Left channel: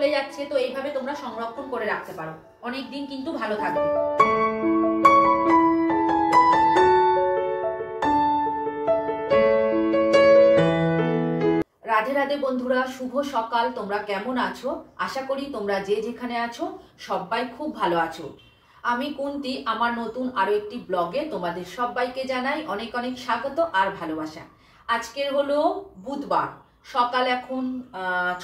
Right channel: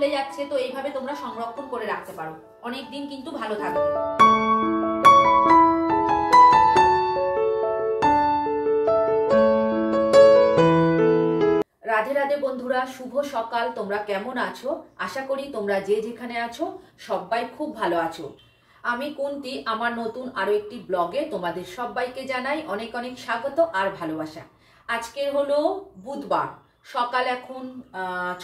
চলে যাচ্ছে, তো এইভাবে তোমরা সংরক্ষণ করে রাখতে পারো, অনেক দিন কিন্তু ভালো থাকবে। রাধে রাধে বন্ধুরা, শুভ সকাল। তোমরা কেমন আছো? আশা করি তোমরা যে যেখানে আছো সবাই খুব ভালো আছো। আমি কুন্তি, আমার নতুন আরো একটি ব্লগে তোমাদের সবাইকে জানাই অনেক অনেক স্বাগত আর ভালোবাসা। আজকের হলো বুধবার, সকাল এখন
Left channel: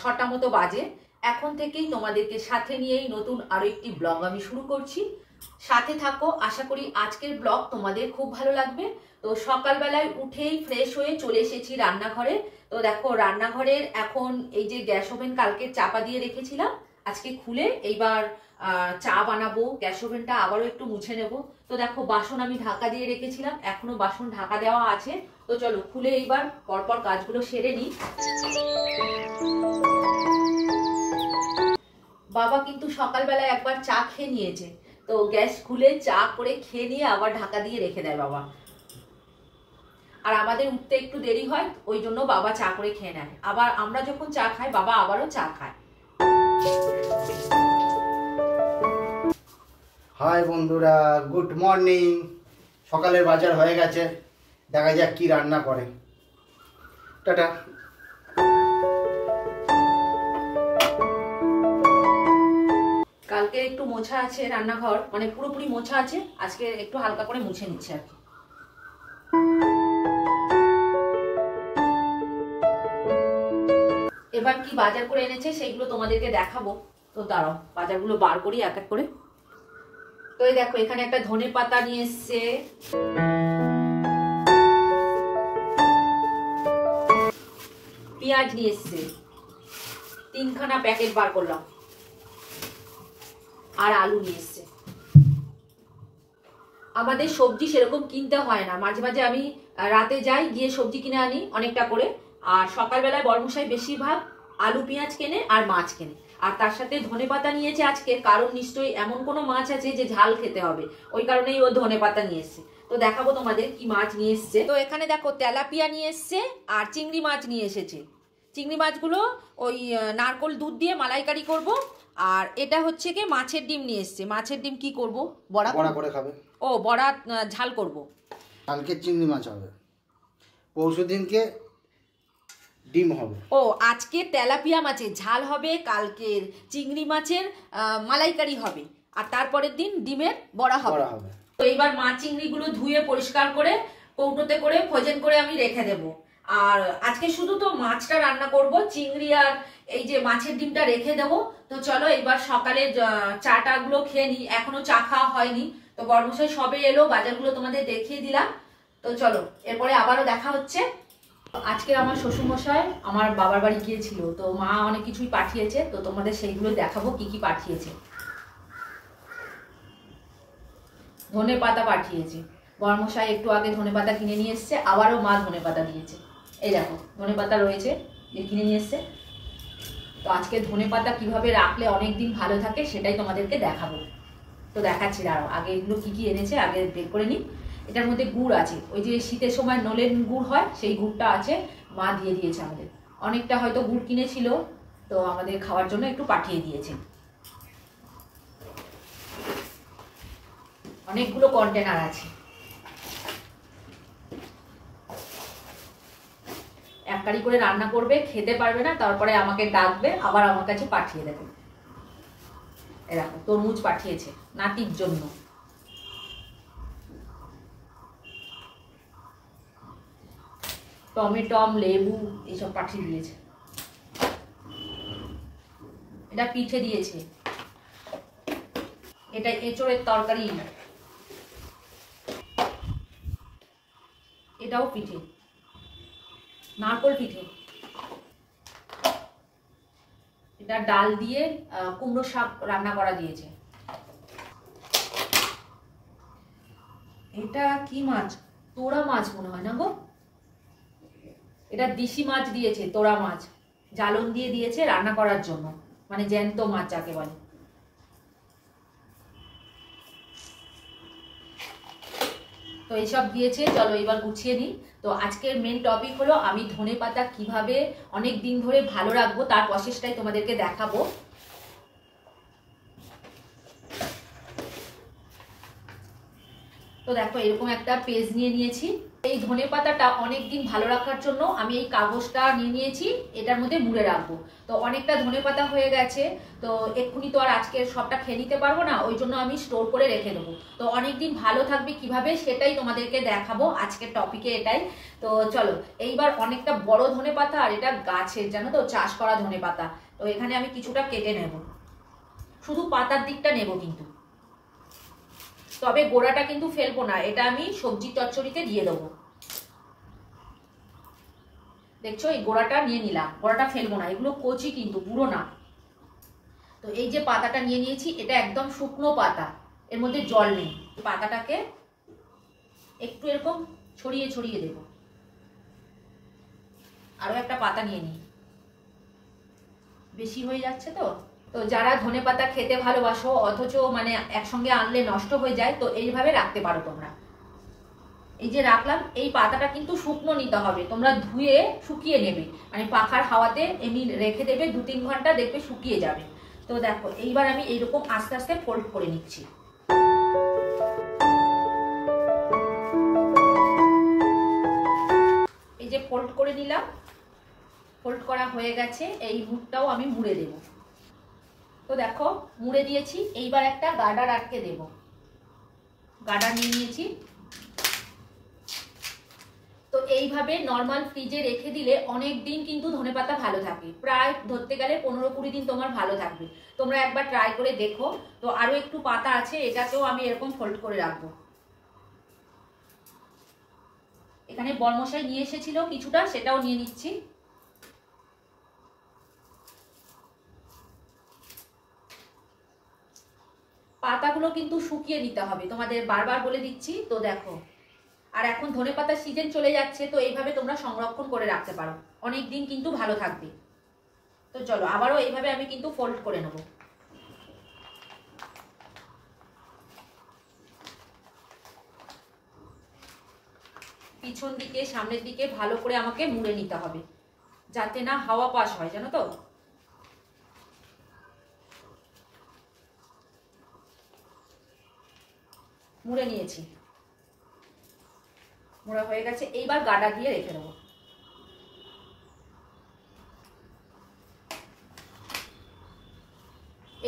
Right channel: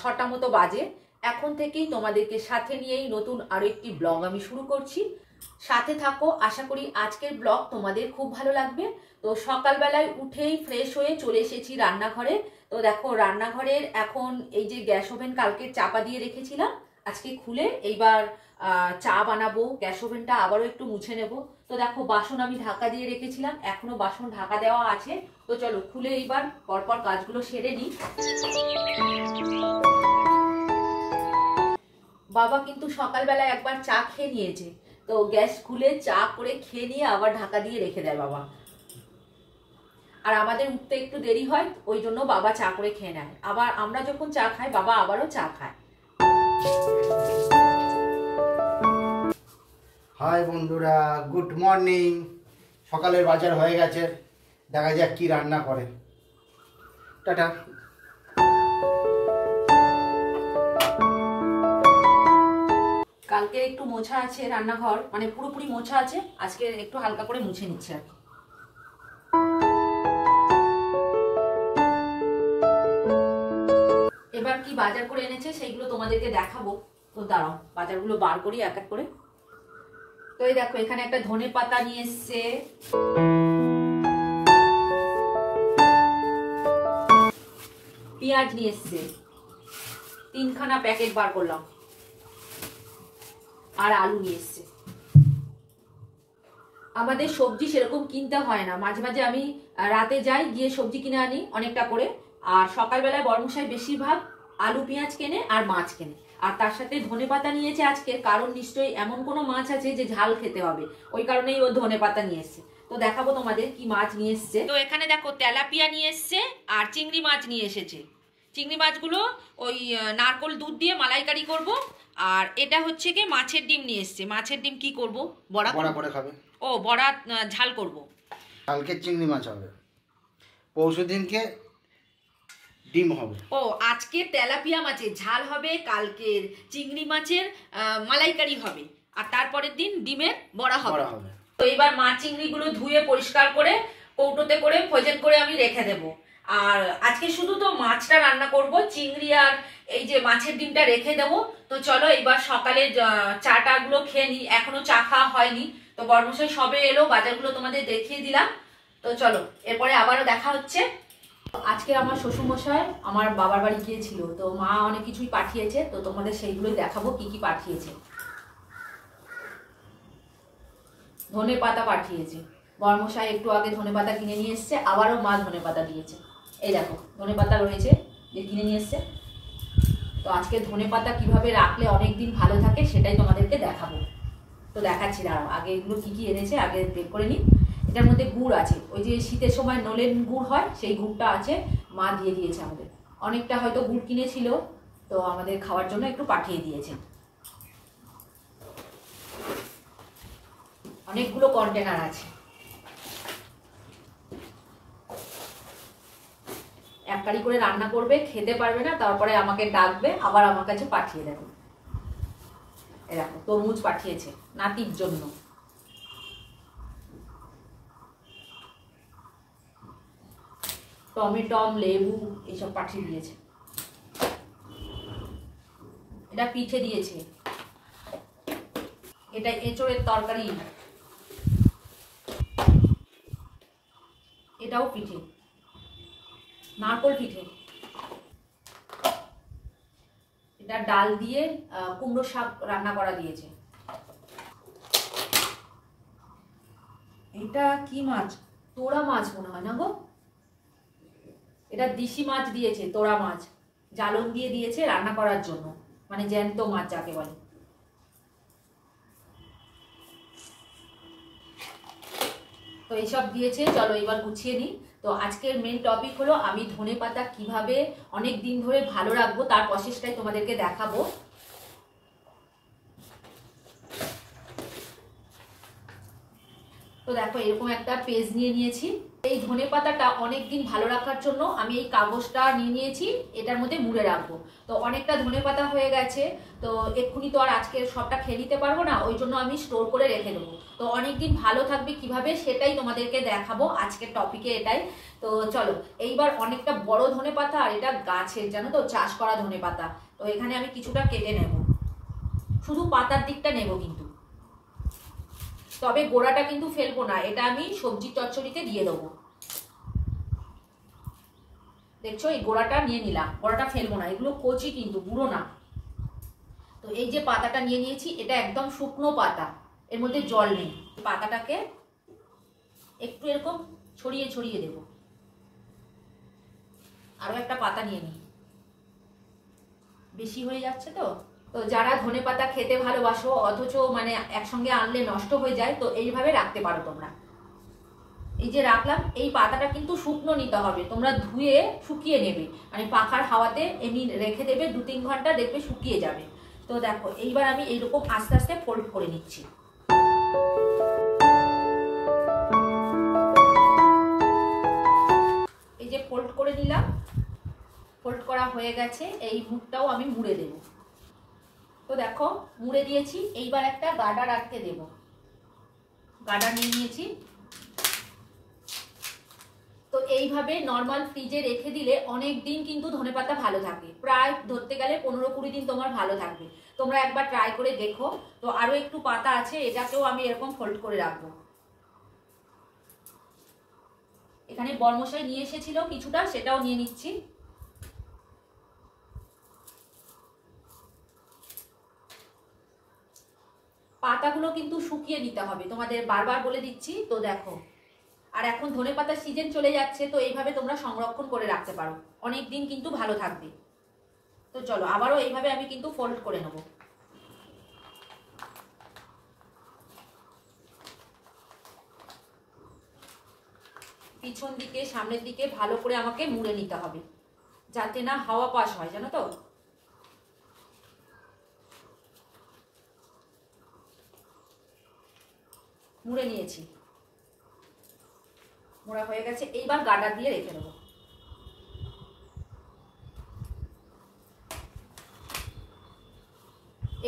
6টা মতো বাজে। এখন থেকেই তোমাদেরকে সাথে নিয়েই নতুন আরো একটি ব্লগ আমি শুরু করছি। সাথে থাকো, আশা করি আজকের ব্লগ তোমাদের খুব ভালো লাগবে। তো সকালবেলায় উঠেই ফ্রেশ হয়ে চলে এসেছি রান্নাঘরে। তো দেখো, রান্নাঘরের এখন এই যে গ্যাস ওভেন কালকে চাপা দিয়ে রেখেছিলাম, আজকে খুলে এইবার চা বানাবো। গ্যাস ওভেনটা আবারও একটু মুছে নেব। তো দেখো, বাসন আমি ঢাকা দিয়ে রেখেছিলাম, এখনো বাসন ঢাকা দেওয়া আছে। তো চলো খুলে এইবার পরপর কাজগুলো সেরে নিই। বাবা কিন্তু সকালবেলায় একবার চা খেয়ে নিয়েছে, তো গ্যাস খুলে চা করে খেয়ে নিয়ে আবার ঢাকা দিয়ে রেখে দেয় বাবা। আর আমাদের উঠতে একটু দেরি হয়, ওই জন্য বাবা চা করে খেয়ে নেয়। আবার আমরা যখন চা খাই, বাবা আবারও চা খায়। হাই বন্ধুরা, গুড মর্নিং। সকালের বাজার হয়ে গেছে, দেখা যাক কি রান্না করে। টাটা। কালকে একটু মোছা আছে রান্নাঘর, মানে পুরোপুরি মোছা আছে, আজকে একটু হালকা করে মুছে নিচ্ছে আর কি। এবার কি বাজার করে এনেছে সেইগুলো তোমাদেরকে দেখাবো। তো দাঁড়াও, বাজারগুলো বার করি এক এক করে। তো এই দেখো, এখানে একটা ধনে পাতা নিয়ে এসছে, পেঁয়াজ নিয়ে এসছে, 3খানা প্যাকেট বার করলাম, আর আলু নিয়ে এসছে। আমাদের সবজি সেরকম কিনতে হয় না, মাঝে মাঝে আমি রাতে যাই, গিয়ে সবজি কিনে আনি অনেকটা করে। আর সকালবেলায় বর্মশাই বেশিরভাগ আলু পেঁয়াজ কেনে আর মাছ কেনে। আর তার সাথে ধনেপাতা নিয়েছে আজকে, কারণ নিশ্চয়ই এমন কোনো মাছ আছে যে ঝাল খেতে হবে, ওই কারণেই ও ধনেপাতা নিয়ে এসছে। তো দেখাবো তোমাদের কি মাছ নিয়ে এসছে। তো এখানে দেখো, তেলাপিয়া নিয়ে এসছে আর চিংড়ি মাছ নিয়ে এসেছে। চিংড়ি মাছগুলো ওই নারকোল দুধ দিয়ে মালাইকারি করব। আর এটা হচ্ছে কি মাছের ডিম নিয়ে এসছে। মাছের ডিম কি করব? বড়া করে খাবে। ও, বড়া ঝাল করব। কালকে চিংড়ি মাছ হবে, পরশু দিনকে ডিম হবে। ও, আজকে তেলাপিয়া মাছের ঝাল হবে, কালকের চিংড়ি মাছের মালাইকারি হবে, আর তারপরের দিন ডিমের বড়া হবে। তো এবার মাছ চিংড়িগুলো ধুয়ে পরিষ্কার করে কৌটোতে করে ফ্রোজেন করে আমি রেখে দেব। আর আজকে শুধু তো মাছটা রান্না করব, চিংড়ি আর এই যে মাছের ডিমটা রেখে দেব। তো চলো এবার সকালে চাটা গুলো খেয়ে নিই, এখনো চা খাওয়া হয়নি। তো বর্মশাই সবে এলো, বাজারগুলো তোমাদের দেখিয়ে দিলাম। তো চলো, এরপরে আবারও দেখা হচ্ছে। আজকে আমার শ্বশুরমশাই আমার বাবার বাড়ি গিয়েছিল, তো মা অনেক কিছুই পাঠিয়েছে, তো তোমাদের সেইগুলোই দেখাবো কি কি পাঠিয়েছে। ধনে পাতা পাঠিয়েছে, বর্মশাই একটু আগে ধনে পাতা কিনে নিয়ে এসছে, আবারও মা ধনে পাতা দিয়েছে। এই দেখো, ধনে পাতা রয়েছে, যে কিনে নিয়ে এসছে। তো আজকে ধনে পাতা কিভাবে রাখলে অনেকদিন ভালো থাকে সেটাই তোমাদেরকে দেখাবো। তো দেখাচ্ছি, দাঁড়াও আগে এগুলো কি কি এনেছে আগে বের করে নিই। এটার মধ্যে গুড় আছে, ওই যে শীতের সময় নলেন গুড় হয়, সেই গুড়টা আছে, মা দিয়ে দিয়েছে আমাদের। অনেকটা হয়তো গুড় কিনেছিল, তো আমাদের খাওয়ার জন্য একটু পাঠিয়ে দিয়েছে। অনেকগুলো কন্টেনার আছে, এক কারি করে রান্না করবে, খেতে পারবে না, তারপরে আমাকে ডাকবে, আবার আমার কাছে পাঠিয়ে দেবে। এরকম তরমুজ পাঠিয়েছে নাতির জন্য, টমেটম, লেবু এইসব পাঠিয়ে দিয়েছে। এটা পিঠে দিয়েছে, এটা এঁচোড়ের তরকারি, এটাও পিঠে, নারকোল পিঠে। এটা ডাল দিয়ে কুমড়ো শাক রান্না করা দিয়েছে। এটা কি মাছ? তোড়া মাছ মনে হয় না গো, এটা দিশি মাছ দিয়েছে, তোড়া মাছ জ্বালন দিয়ে দিয়েছে রান্না করার জন্য, মানে জ্যান্ত মাছ যাকে বলে। তো এইসব দিয়েছে, চলো এবার গুছিয়ে নিই। তো আজকের মেন টপিক হলো আমি ধনেপাতা কিভাবে অনেক দিন ধরে ভালো রাখবো তার প্রসেসটাই তোমাদেরকে দেখাবো। তো দেখো এরকম একটা পেজ নিয়ে নিয়েছি। এই ধনে পাতাটা অনেকদিন ভালো রাখার জন্য আমি এই কাগজটা নিয়ে নিয়েছি, এটার মধ্যে মুড়ে রাখবো। তো অনেকটা ধনে পাতা হয়ে গেছে, তো এক্ষুনি তো আর আজকে সবটা খেয়ে নিতে পারবো না, ওই জন্য আমি স্টোর করে রেখে দেবো। তো অনেকদিন ভালো থাকবে কিভাবে সেটাই তোমাদেরকে দেখাবো আজকের টপিকে এটাই। তো চলো, এইবার অনেকটা বড় ধনে পাতা, আর এটা গাছের, জানো তো, চাষ করা ধনে পাতা। তো এখানে আমি কিছুটা কেটে নেব, শুধু পাতার দিকটা নেব কিন্তু, তবে গোড়াটা কিন্তু ফেলবো না, এটা আমি সবজি চচ্চড়িতে দিয়ে দেবো। দেখছো এই গোড়াটা নিয়ে নিলাম, গোড়াটা ফেলবো না, এগুলো কচি কিন্তু, বুড়ো না। তো এই যে পাতাটা নিয়ে নিয়েছি, এটা একদম শুকনো পাতা, এর মধ্যে জল নেই। পাতাটাকে একটু এরকম ছড়িয়ে ছড়িয়ে দেব। আরো একটা পাতা নিয়ে নিই, বেশি হয়ে যাচ্ছে তো। তো যারা ধনে পাতা খেতে ভালোবাসো অথচ মানে একসঙ্গে আনলে নষ্ট হয়ে যায়, তো এইভাবে রাখতে পারো তোমরা। এই যে রাখলাম, এই পাতাটা কিন্তু শুকনো নিতে হবে, তোমরা ধুয়ে শুকিয়ে নেবে, মানে পাখার হাওয়াতে এমনি রেখে দেবে, 2-3 ঘন্টা, দেখবে শুকিয়ে যাবে। তো দেখো এইবার আমি এইরকম আস্তে আস্তে ফোল্ড করে নিচ্ছি। এই যে ফোল্ড করে নিলাম, ফোল্ড করা হয়ে গেছে, এই মুখটাও আমি মুড়ে দেব। তো দেখো মুড়ে দিয়েছি, এইবার একটা গার্ডার আটকে দেব। গার্ডার নিয়ে নিয়েছি। তো এইভাবে নর্মাল ফ্রিজে রেখে দিলে অনেক দিন কিন্তু ধনেপাতা ভালো থাকে, প্রায় ধরতে গেলে 15-20 দিন তোমার ভালো থাকবে। তোমরা একবার ট্রাই করে দেখো। তো আরো একটু পাতা আছে, এটাকেও আমি এরকম ফোল্ড করে রাখবো। এখানে বরমশাই নিয়ে এসেছিল কিছুটা, সেটাও নিয়ে নিচ্ছি। পাতাগুলো কিন্তু শুকিয়ে নিতে হবে, তোমাদের বারবার বলে দিচ্ছি। তো দেখো, আর এখন ধনেপাতার সিজন চলে যাচ্ছে, তো এইভাবে তোমরা সংরক্ষণ করে রাখতে পারো, অনেক দিন কিন্তু ভালো থাকবে। তো চলো আবারও এইভাবে আমি কিন্তু ফোল্ড করে নেব। পিছন দিকে সামনের দিকে ভালো করে আমাকে মুড়ে নিতে হবে, যাতে না হাওয়া পাস হয়, জানো তো। মুড়ে নিয়েছি, মোড়া হয়ে গেছে, এইবার গার্ডার দিয়ে রেখে দেবো।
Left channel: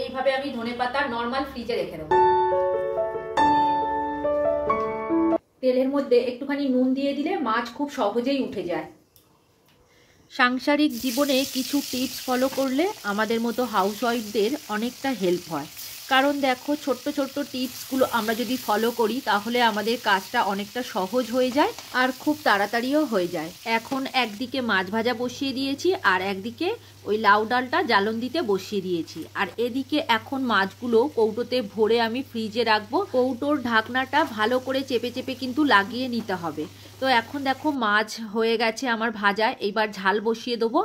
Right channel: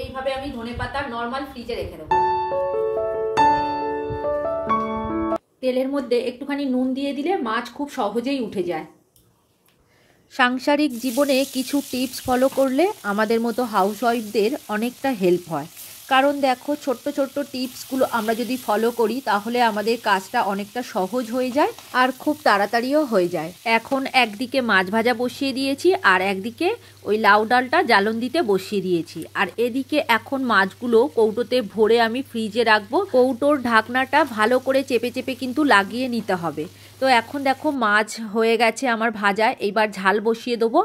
এইভাবে আমি ধনেপাতা নর্মাল ফ্রিজে রেখে দেবো। তেলের মধ্যে একটুখানি নুন দিয়ে দিলে মাছ খুব সহজেই উঠে যায়। সাংসারিক জীবনে কিছু টিপস ফলো করলে আমাদের মতো হাউসওয়াইফদের অনেকটা হেল্প হয়। কারণ দেখো, ছোট্ট ছোট্ট টিপসগুলো আমরা যদি ফলো করি তাহলে আমাদের কাজটা অনেকটা সহজ হয়ে যায় আর খুব তাড়াতাড়িও হয়ে যায়। এখন একদিকে মাছ ভাজা বসিয়ে দিয়েছি, আর একদিকে ওই লাউ ডালটা জ্বালন দিতে বসিয়ে দিয়েছি। আর এদিকে এখন মাছগুলো কৌটোতে ভরে আমি ফ্রিজে রাখবো। কৌটোর ঢাকনাটা ভালো করে চেপে চেপে কিন্তু লাগিয়ে নিতে হবে। তো এখন দেখো মাছ হয়ে গেছে আমার ভাজা, এইবার ঝাল বসিয়ে দেবো।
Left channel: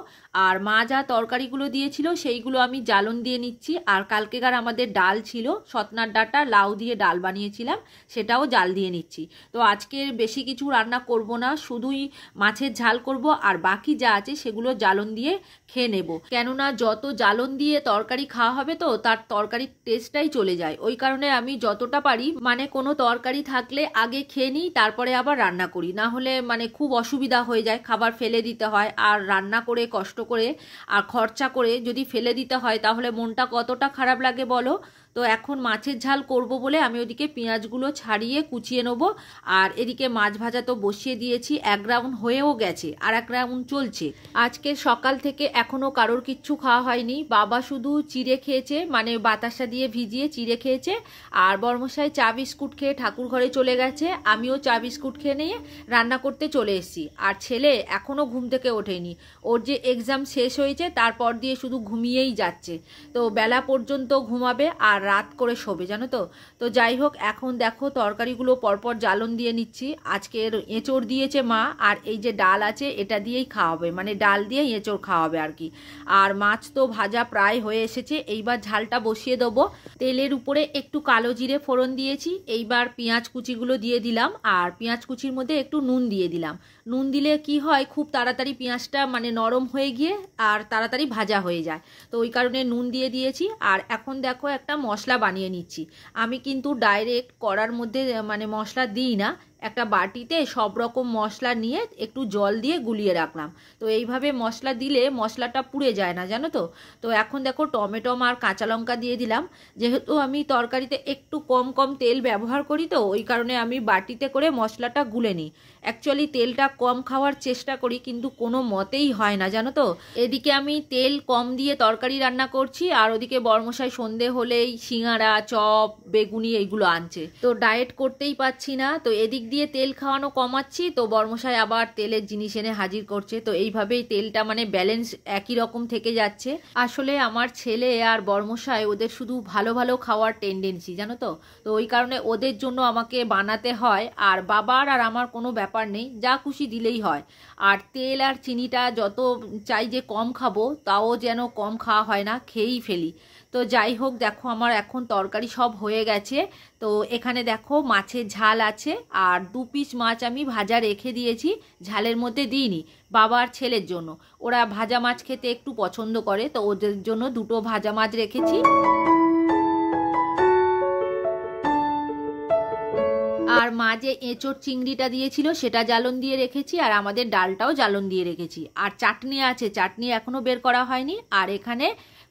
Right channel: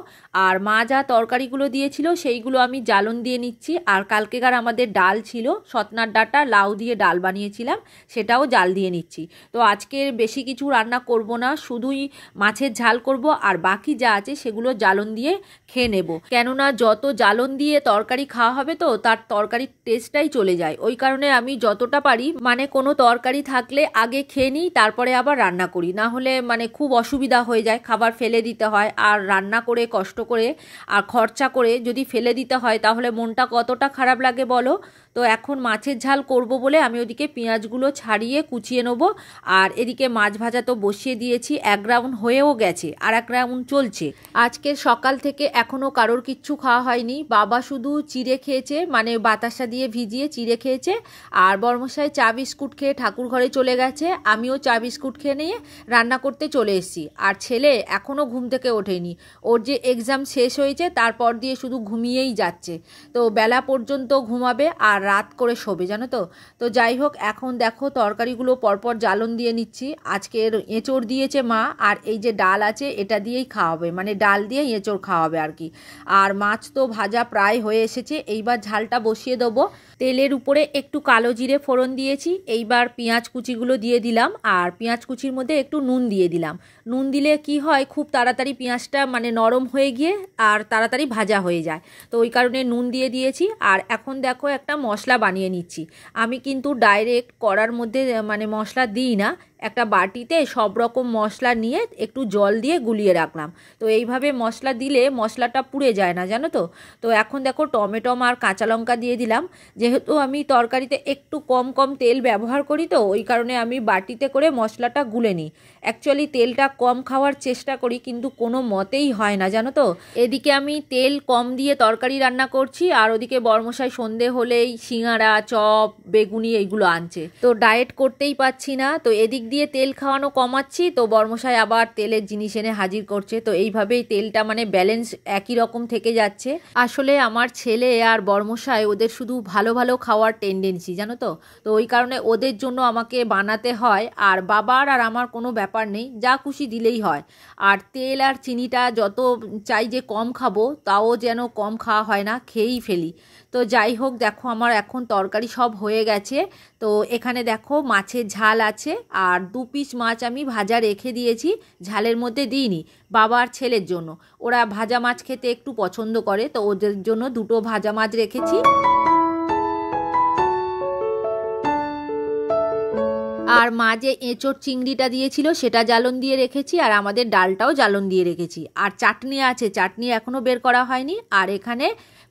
আর মা যা তরকারিগুলো দিয়েছিল সেইগুলো আমি জ্বালন দিয়ে নিচ্ছি। আর কালকেকার আমাদের ডাল ছিল, সতনার ডাঁটা লাউ দিয়ে ডাল বানিয়েছিলাম, সেটাও জাল দিয়ে নিচ্ছি। তো আজকের বেশি কিছু রান্না করব না, শুধুই মাছের ঝাল করব, আর বাকি যা আছে সেগুলো জ্বালন দিয়ে খেয়ে নেব। কেননা যত জ্বালন দিয়ে তরকারি খাওয়া হবে তো তার তরকারির টেস্টটাই চলে যায়। ওই কারণে আমি যতটা পারি মানে কোনো তরকারি থাকলে আগে খেয়ে নিই, তারপরে আবার রান্না করি, না হলে মানে খুব অসুবিধা হয়ে যায়, খাবার ফেলে দিতে হয়। আর রান্না করে কষ্ট করে আর খরচা করে যদি ফেলে দিতে হয় তাহলে মনটা কতটা খারাপ লাগে বলো। তো এখন মাছের ঝাল করব বলে আমি ওদিকে পেঁয়াজগুলো ছাড়িয়ে কুচিয়ে নেব। আর এদিকে মাছ ভাজা তো বসিয়ে দিয়েছি, 1 রাউন্ড হয়েও গেছে, আর 1 রাউন্ড চলছে। আজকে সকাল থেকে এখনও কারোর কিচ্ছু খাওয়া হয়নি, বাবা শুধু চিড়ে খেয়েছে, মানে বাতাসা দিয়ে ভিজিয়ে চিড়ে খেয়েছে। আর বর্মশাই চা বিস্কুট খেয়ে ঠাকুর ঘরে চলে গেছে, আমিও চা বিস্কুট খেয়ে নিয়ে রান্না করতে চলে এসেছি। আর ছেলে এখনও ঘুম থেকে ওঠেনি, ওর যে এক্সাম শেষ হয়েছে তারপর দিয়ে শুধু ঘুমিয়েই যাচ্ছে। তো বেলা পর্যন্ত ঘুমাবে আর রাত করে শোবে, জানো তো। তো যাই হোক, এখন দেখো তরকারিগুলো পরপর জ্বালন দিয়ে নিচ্ছি। আজকের এঁচড় দিয়েছে মা, আর এই যে ডাল আছে এটা দিয়েই খাওয়াবে, মানে ডাল দিয়ে এঁচড় খাওয়াবে আর কি। আর মাছ তো ভাজা প্রায় হয়ে এসেছে, এইবার ঝালটা বসিয়ে দেবো। তেলের উপরে একটু কালো জিরে ফোড়ন দিয়েছি, এইবার পেঁয়াজ কুচিগুলো দিয়ে দিলাম, আর পেঁয়াজ কুচির মধ্যে একটু নুন দিয়ে দিলাম। নুন দিলে কি হয়, খুব তাড়াতাড়ি পেঁয়াজটা মানে নরম হয়ে গিয়ে আর তাড়াতাড়ি ভাজা হয়ে যায়। তো ওই কারণে নুন দিয়ে দিয়েছি। আর এখন দেখো একটা মশলা বানিয়ে নিচ্ছি। আমি কিন্তু ডাইরেক্ট কড়ার মধ্যে মানে মশলা দিই না, একটা বাটিতে সব রকম মশলা নিয়ে একটু জল দিয়ে গুলিয়ে রাখলাম। তো এইভাবে মশলা দিলে মশলাটা পুড়ে যায় না, জানো তো। তো এখন দেখো টমেটো আর কাঁচা লঙ্কা দিয়ে দিলাম। যেহেতু আমি তরকারিতে একটু কম কম তেল ব্যবহার করি, তো ওই কারণে আমি বাটিতে করে মশলাটা গুলে নিই। অ্যাকচুয়ালি তেলটা কম খাওয়ার চেষ্টা করি, কিন্তু কোনো মতেই হয় না, জানো তো। এদিকে আমি তেল কম দিয়ে তরকারি রান্না করছি, আর ওদিকে বরমশাই সন্ধে হলেই সিঙ্গারা, চপ, বেগুনি এইগুলো আনছে। তো ডায়েট করতেই পারছি না, তো এদিক দিয়ে তেল খাওয়ানো কমাচ্ছি, তো বরমশাই আবার তেলের জিনিস এনে হাজির করছে। তো এইভাবেই তেলটা মানে ব্যালেন্স একই রকম থেকে যাচ্ছে। আসলে আমার ছেলে আর বরমশাই ওদের শুধু ভালো ভালো খাওয়ার টেন্ডেন্সি, জানো তো। তো ওই কারণে ওদের জন্য আমাকে বানাতে হয়। আর বাবার আর আমার কোনো ব্যাপার নেই, যা খুশি দিলেই হয়। আর তেল আর চিনিটা যত চাই যে কম খাবো, তাও যেন কম খাওয়া হয় না, খেয়েই ফেলি। তো যাই হোক, দেখো আমার এখন তরকারি সব হয়ে গেছে। তো এখানে দেখো মাছের ঝাল আছে, আর 2 পিস মাছ আমি ভাজা রেখে দিয়েছি, ঝালের মধ্যে দিইনি। বাবা আর ছেলের জন্য, ওরা ভাজা মাছ খেতে একটু পছন্দ করে, তো ওদের জন্য 2টো ভাজা মাছ রেখেছি। আর মা যে এঁচোড় চিংড়িটা দিয়েছিল সেটা জ্বালন দিয়ে রেখেছি, আর আমাদের ডালটাও জ্বালন দিয়ে রেখেছি। আর চাটনি আছে, চাটনি এখনও বের করা হয়নি। আর এখানে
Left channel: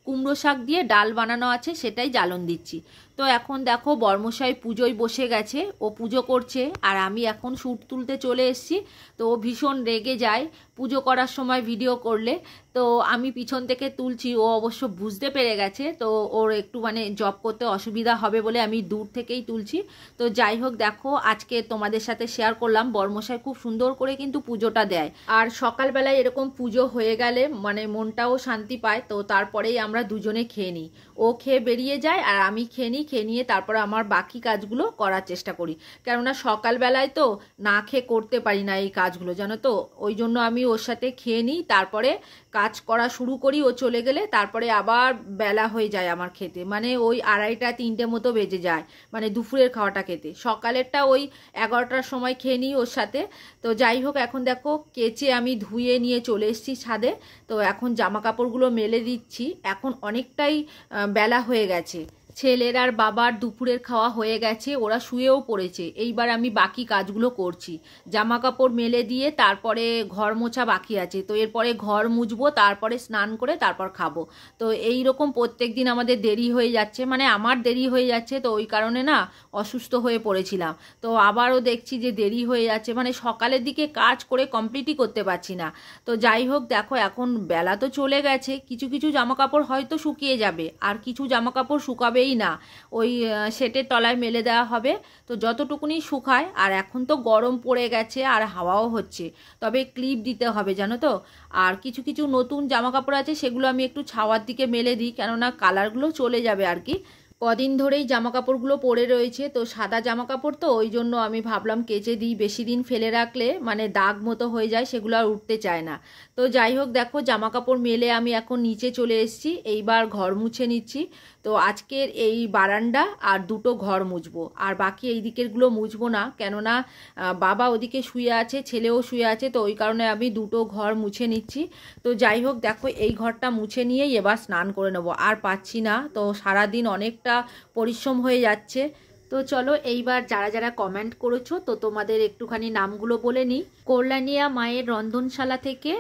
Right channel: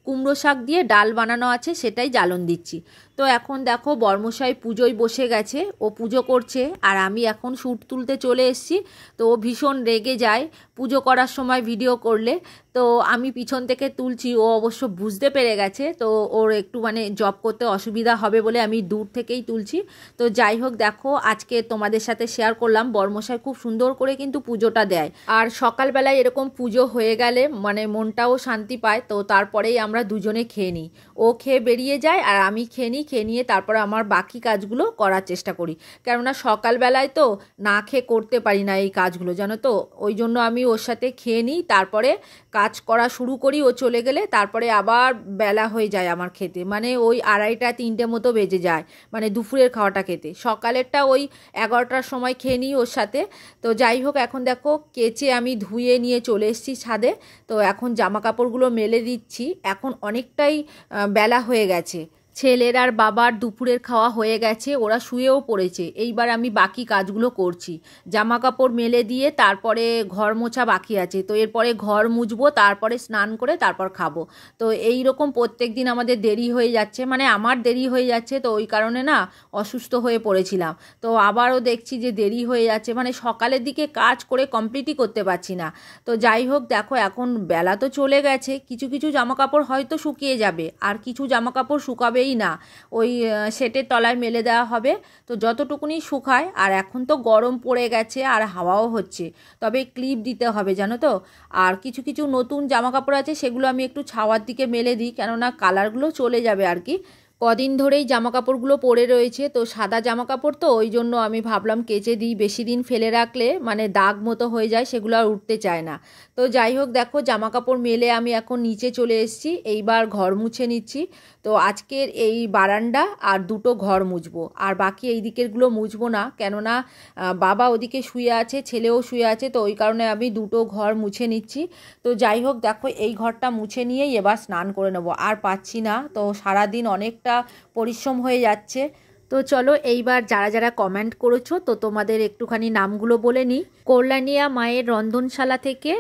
কুমড়ো শাক দিয়ে ডাল বানানো আছে, সেটাই জ্বালন দিচ্ছি। তো এখন দেখো বরমশাই পুজোয় বসে গেছে, ও পুজো করছে, আর আমি এখন শ্যুট তুলতে চলে এসেছি। তো ও ভীষণ রেগে যায় পুজো করার সময় ভিডিও করলে। তো আমি পিছন থেকে তুলছি, ও অবশ্য বুঝতে পেরে গেছে। তো ওর একটু মানে জব করতে অসুবিধা হবে বলে আমি দূর থেকেই তুলছি। তো যাই হোক, দেখো আজকে তোমাদের সাথে শেয়ার করলাম, বরমশাই খুব সুন্দর করে কিন্তু পুজোটা দেয়। আর সকালবেলায় এরকম পুজো হয়ে গেলে মানে মনটাও শান্তি পায়। তো তারপরেই আমরা দুজনে খেয়ে নিই, ও খেয়ে বেরিয়ে যায় আর আমি খেয়ে নিই। খেয়ে নিয়ে তারপর আমার বাকি কাজগুলো করার চেষ্টা করি, কেননা সকালবেলায় তো না খেয়ে করতে পারি না এই কাজগুলো, জানো তো। ওই জন্য আমি ওর সাথে খেয়ে নিই, তারপরে কাজ করা শুরু করি। ও চলে গেলে তারপরে আবার বেলা হয়ে যায় আমার খেতে, মানে ওই 2:30-3টে মতো বেজে যায়, মানে দুপুরের খাওয়াটা খেতে। সকালেরটা ওই 11টার সময় খেয়ে নিই ওর সাথে। তো যাই হোক, এখন দেখো কেচে আমি ধুয়ে নিয়ে চলে এসেছি ছাদে। তো এখন জামা কাপড়গুলো মেলে দিচ্ছি, এখন অনেকটাই বেলা হয়ে গেছে। ছেলের আর বাবার দুপুরের খাওয়া হয়ে গেছে, ওরা শুয়েও পড়েছে। এইবার আমি বাকি কাজগুলো করছি, জামা কাপড় মেলে দিয়ে তারপরে ঘর মোছা বাকি আছে। তো এরপরে ঘর মুছবো, তারপরে স্নান করে তারপর খাবো। তো এই রকম প্রত্যেক দিন আমাদের দেরি হয়ে যাচ্ছে, মানে আমার দেরি হয়ে যাচ্ছে। তো ওই কারণে না অসুস্থ হয়ে পড়েছিলাম, তো আবারও দেখছি যে দেরি হয়ে যাচ্ছে, মানে সকালের দিকে কাজ করে কমপ্লিটই করতে পারছি না। তো যাই হোক, দেখো এখন বেলা তো চলে গেছে, কিছু কিছু জামা কাপড় হয়তো শুকিয়ে যাবে, আর কিছু জামা কাপড় শুকাবে না, ওই সেটের তলায় মেলে দেওয়া হবে। তো যতটুকুনি শুকায়। আর এখন তো গরম পড়ে গেছে আর হাওয়াও হচ্ছে, তবে ক্লিপ দিতে হবে, জানো তো। আর কিছু কিছু নতুন জামা কাপড় আছে, সেগুলো আমি একটু ছাওয়ার দিকে মেলে দিই, কেননা কালারগুলো চলে যাবে আর কি। কদিন ধরেই জামা কাপড়গুলো পরে রয়েছে, তো সাদা জামা কাপড়, তো ওই জন্য আমি ভাবলাম কেচে দিই। বেশি দিন ফেলে রাখলে মানে দাগ মতো হয়ে যায়, সেগুলো আর উঠতে চায় না। তো যাই হোক, দেখো জামা কাপড় মেলে আমি এখন নিচে চলে এসেছি, এইবার ঘর মুছে নিচ্ছি। তো আজকের এই বারান্দা আর 2টো ঘর মুছবো, আর বাকি এই দিকেরগুলো মুছবো না, কেননা বাবা ওদিকে শুয়ে আছে, ছেলেও শুয়ে আছে। তো ওই কারণে আমি 2টো ঘর মুছে নিচ্ছি। তো যাই হোক, দেখো এই ঘরটা মুছে নিয়েই এবার স্নান করে নেবো, আর পাচ্ছি না। তো সারাদিন অনেকটা পরিশ্রম হয়ে যাচ্ছে। তো চলো এইবার যারা যারা কমেন্ট করেছো, তো তোমাদের একটুখানি নামগুলো বলে নিই। কল্যাণিয়া মায়ের রন্ধনশালা থেকে,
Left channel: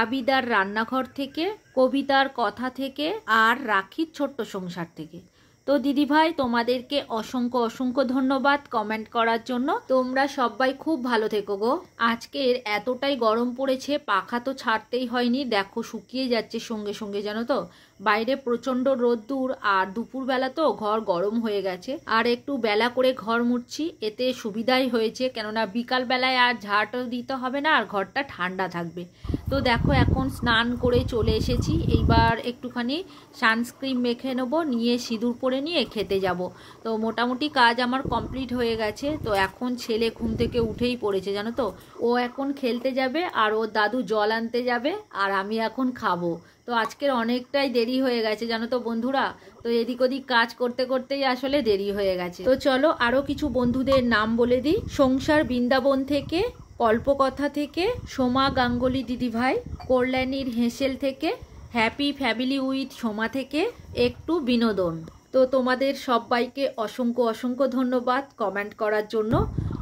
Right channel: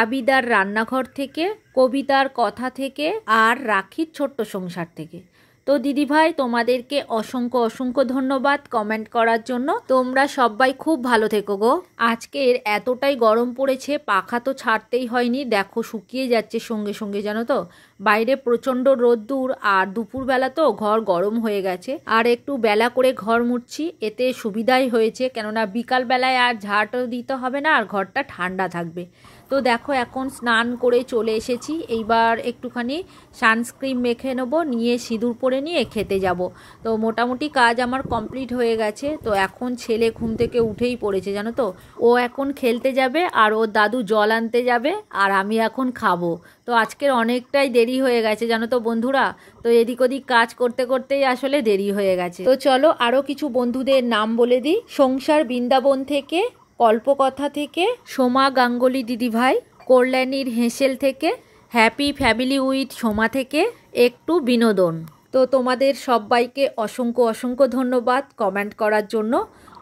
আবিদার রান্নাঘর থেকে, কবিতার কথা থেকে, আর রাখির ছোট্ট সংসার থেকে। তো দিদিভাই তোমাদেরকে অসংখ্য অসংখ্য ধন্যবাদ কমেন্ট করার জন্য। তোমরা সবাই খুব ভালো থেকো গো। আজকের এতটাই গরম পড়েছে, পাখা তো ছাড়তেই হয়নি, দেখো শুকিয়ে যাচ্ছে সঙ্গে সঙ্গে, জানো তো। বাইরে প্রচণ্ড রোদ্দুর, আর দুপুরবেলা তো ঘর গরম হয়ে গেছে। আর একটু বেলা করে ঘর মুছছি, এতে সুবিধাই হয়েছে, কেননা বিকাল বেলায় আর ঝাড়টাও দিতে হবে না, আর ঘরটা ঠান্ডা থাকবে। তো দেখো এখন স্নান করে চলে এসেছি, এইবার একটুখানি সানস্ক্রিন মেখে নেবো, নিয়ে সিঁদুর পরে নিয়ে খেতে যাব। তো মোটামুটি কাজ আমার কমপ্লিট হয়ে গেছে। তো এখন ছেলে ঘুম থেকে উঠেই পড়েছে, জানো তো। ও এখন খেলতে যাবে, আর ওর দাদু জল আনতে যাবে, আর আমি এখন খাবো। তো আজকের অনেকটাই দেরি হয়ে গেছে, জানো তো বন্ধুরা। তো এদিক ওদিক কাজ করতে করতেই আসলে দেরি হয়ে গেছে। তো চলো আরও কিছু বন্ধুদের নাম বলে দিই। সংসার বৃন্দাবন থেকে কল্পকথা থেকে সোমা গাঙ্গুলি দিদিভাই, কল্যাণীর হেঁসেল থেকে, হ্যাপি ফ্যামিলি উইথ সোমা থেকে একটু বিনোদন। তো তোমাদের সবাইকে অসংখ্য অসংখ্য ধন্যবাদ কমেন্ট করার জন্য।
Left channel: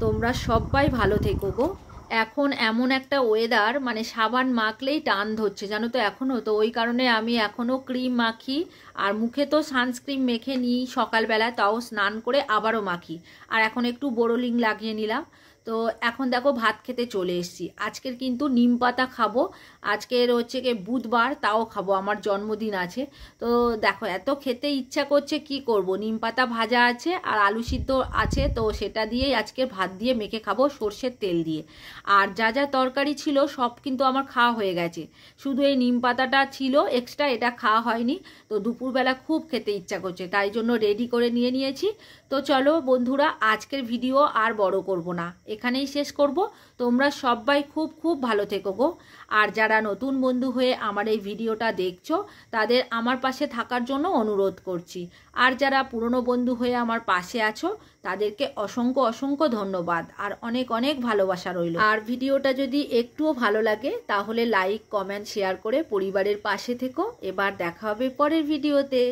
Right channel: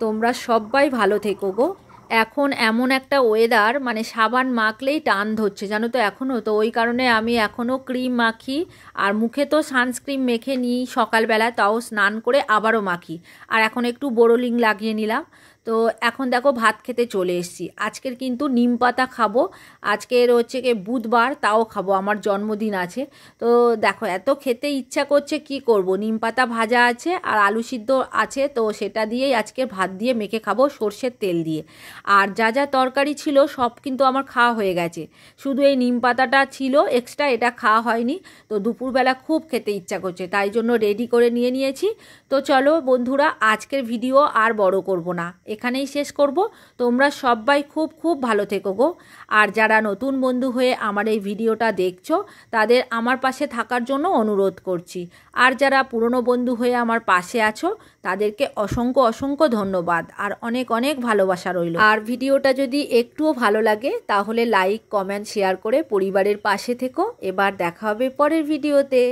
তোমরা সবাই ভালো থেকো গো। এখন এমন একটা ওয়েদার, মানে সাবান মাখলেই টান ধরছে জানো তো এখনও। তো ওই কারণে আমি এখনও ক্রিম মাখি, আর মুখে তো সানস্ক্রিন মেখে নিই সকালবেলা, তাও স্নান করে আবারও মাখি। আর এখন একটু বোরোলিং লাগিয়ে নিলাম। তো এখন দেখো ভাত খেতে চলে এসেছি। আজকের কিন্তু নিম পাতা খাবো। আজকের হচ্ছে কি বুধবার, তাও খাবো, আমার জন্মদিন আছে। তো দেখো এত খেতে ইচ্ছা করছে, কি করব, নিম পাতা ভাজা আছে আর আলু সিদ্ধ আছে, তো সেটা দিয়েই আজকে ভাত দিয়ে মেখে খাবো সর্ষের তেল দিয়ে। আর যা যা তরকারি ছিল সব কিন্তু আমার খাওয়া হয়ে গেছে, শুধু এই নিম পাতাটা ছিল এক্সট্রা, এটা খাওয়া হয়নি। তো দুপুরবেলা খুব খেতে ইচ্ছা করছে, তাই জন্য রেডি করে নিয়েছি। তো চলো বন্ধুরা, আজকের ভিডিও আর বড় করব না, এখানেই শেষ করব। তোমরা সবাই খুব খুব ভালো থেকো গো। আর যারা নতুন বন্ধু হয়ে আমার এই ভিডিওটা দেখছো, তাদের আমার পাশে থাকার জন্য অনুরোধ করছি। আর যারা পুরনো বন্ধু হয়ে আমার পাশে আছো, তাদেরকে অসংখ্য অসংখ্য ধন্যবাদ আর অনেক অনেক ভালোবাসা রইল। আর ভিডিওটা যদি একটুও ভালো লাগে তাহলে লাইক কমেন্ট শেয়ার করে পরিবারের পাশে থেকো। এবার দেখা হবে পরের ভিডিওতে।